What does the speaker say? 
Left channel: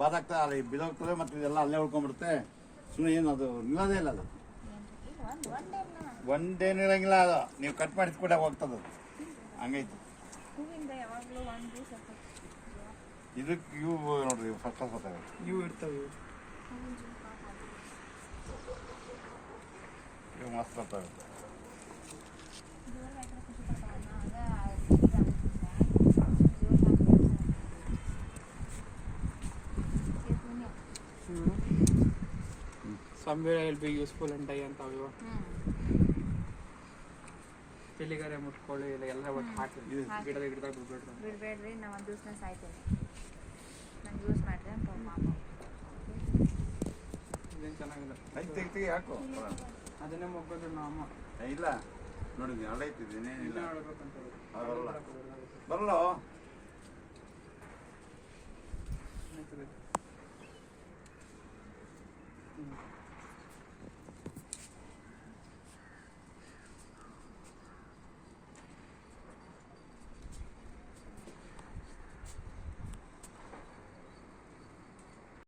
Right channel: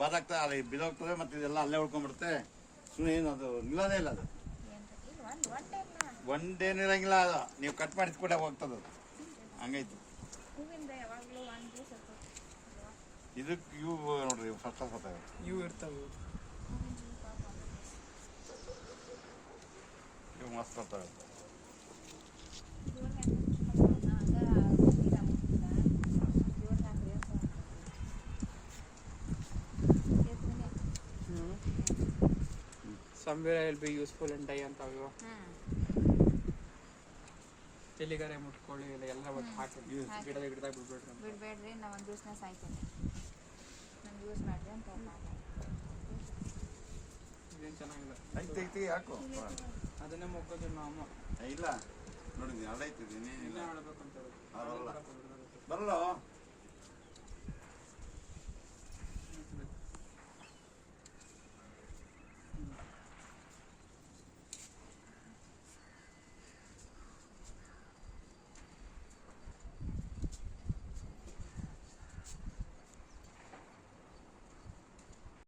ಬಾದಾಗ್ತಾ ಅಲ್ಲಿ ಬಿದೋಗ್ತದೆ ಮತ್ತೆ ಇದೆಲ್ಲ ಅಲ್ಲೇ ಉಳ್ಕೊಂಡ್ಬಿಡುತ್ತೆ. ಸುಮ್ಮನೆ ಏನು ಅದು ನಿಲ್ಲೋದೇ ಇಲ್ಲ ಅದು. ಒಂದೇನು ಇರಂಗಿಲ್ಲ ಅದು. ನೀವು ಕಟ್ ಮಾಡಿಸ್ಕೊಟ್ಟೆ ಹೋಗ್ತದ ಅದು. ಹಂಗೈತು. ಇದಕ್ಕೆ ಇವು ನೋಡ್ರಿ ಫಸ್ಟ್ ಇವು ಇರ್ತವೆ. ಇವು ಮಸ್ತ್ ಬರ್ತಾವೆ. Somewhere I'll be useful and die ಅಂತ ಅವು ತೆಲಿಗಾರೆ ಮುಟ್ಕೊಳ್ಳಿ ಇಲ್ಲ ಎಲ್ಲ ಒಟ್ಟು ಹಾಕಿ ಗಿಡದಾಗ ಬಿಡ್ಬೇಡ್ರಿ. ನಾವು ಒಂದು ದಿವಸ ಸಾಯ್ತೀನಿ. ನಂಗೆ ಯೂಸ್ ಮಾಡಿದೆ ಅಂತ ಪಾಪ. ಇದೇನು ಚೆನ್ನಾಗಿಲ್ಲ. ತೆಗಿ ಹಾಕು. ಅದನ್ನೇ ಮುಗ್ಗೋದು ನಾವು ಇಲ್ಲ ನೋಡಿ ಅಲ್ಲೈತಿದ್ದೀನಿ ಇಲ್ಲ ನೋಡ್ಬೇಕಂತ ಬರಲ್ಲ